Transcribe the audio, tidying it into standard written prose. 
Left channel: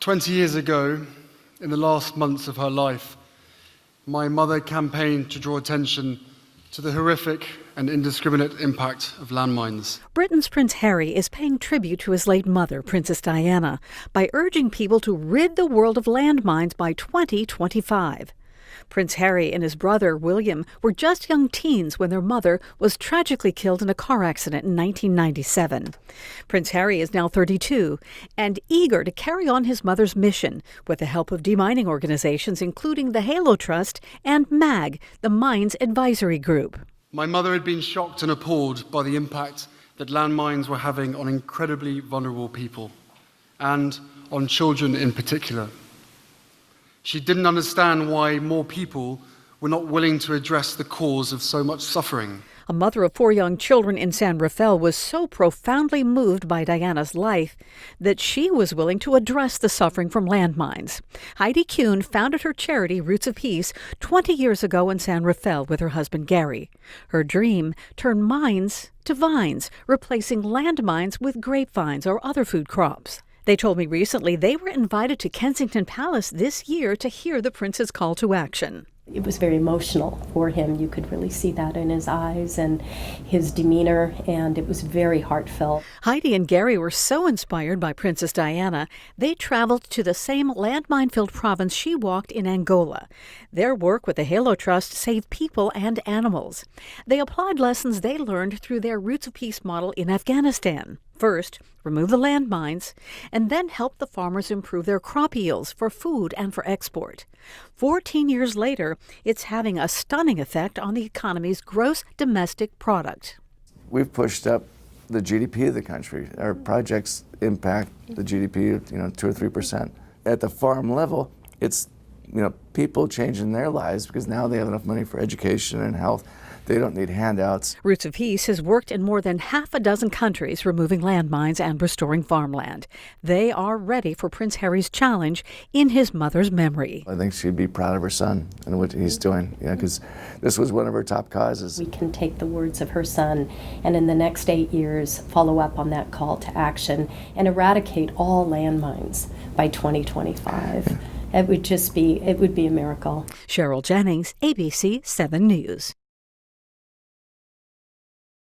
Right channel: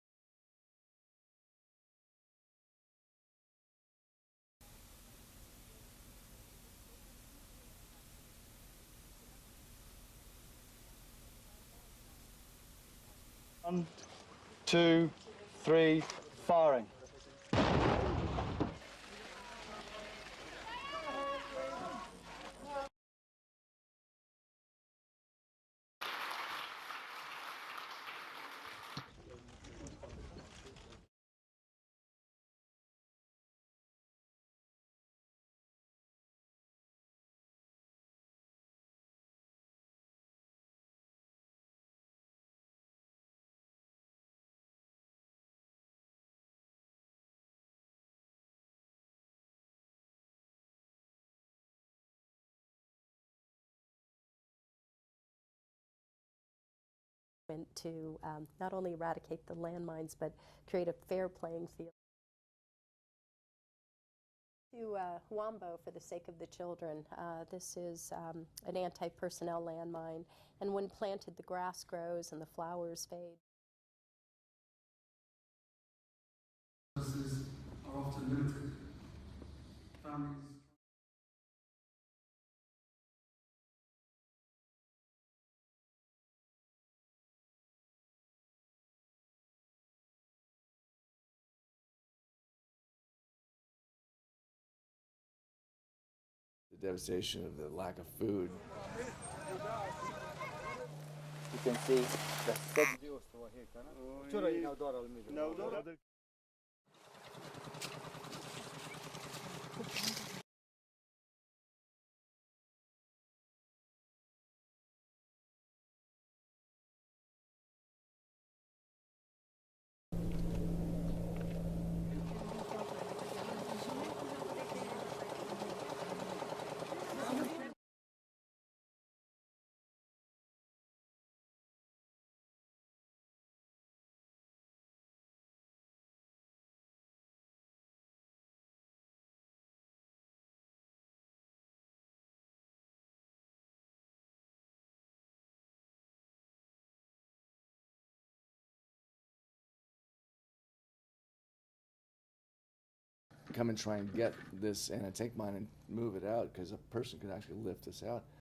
20 years ago, in the last months of her life, my mother campaigned to draw attention to the horrific and indiscriminate impact of landmines. Britain's Prince Harry is paying tribute to his late mother, Princess Diana, by urging people to rid the world of landmines by 2025. Prince Harry and his brother, William, were just young teens when their mother was tragically killed in a car accident in 1997. Prince Harry is now 32 and eager to carry on his mother's mission with the help of demining organizations, including the Halo Trust and MAG, the Mines Advisory Group. My mother had been shocked and appalled by the impact that landmines were having on incredibly vulnerable people, and on children in particular. She didn't understand why more people were not willing to address the cause of so much suffering. A mother of 4 young children in San Rafael was so profoundly moved by Diana's life that she was willing to address the suffering from landmines. Heidi Kühn founded her charity, Roots of Peace, 20 years ago in San Rafael with her husband, Gary. Her dream, turn mines to vines, replacing landmines with grapevines or other food crops. They told me recently they were invited to Kensington Palace this year to hear the prince's call to action. It was very emotional for him. You could really see that in his eyes and his demeanor, and it was very heartfelt. Heidi and Gary were so inspired by Princess Diana, they traveled to the same landmine-filled province she walked in Angola. Their work with the Halo Trust saved people and animals. They applied lessons they learned through their Roots of Peace model in Afghanistan. First, remove the landmines, and then help the farmers improve their crop yields for food and for export. 14 years later, it's having a stunning effect on the economy's gross domestic product. We've pushed up the GDP of the country. Our projects impact the GDP, 2 or 3%. At the farm level, it's, people changing their lives because now they have enough money for education and health. They don't need handouts. Roots of Peace has worked in more than half a dozen countries removing landmines and restoring farmland. They are ready for Prince Harry's challenge in his mother's memory. I think she'd be proud of her son and what he's doing, because this was one of her top causes. We can take the words of her son and in the next 8 years follow up on that call to action and eradicate all landmines by 2025. It would be a miracle. Cheryl Jennings, ABC 7 News. Move it out because a person could actually lift this out.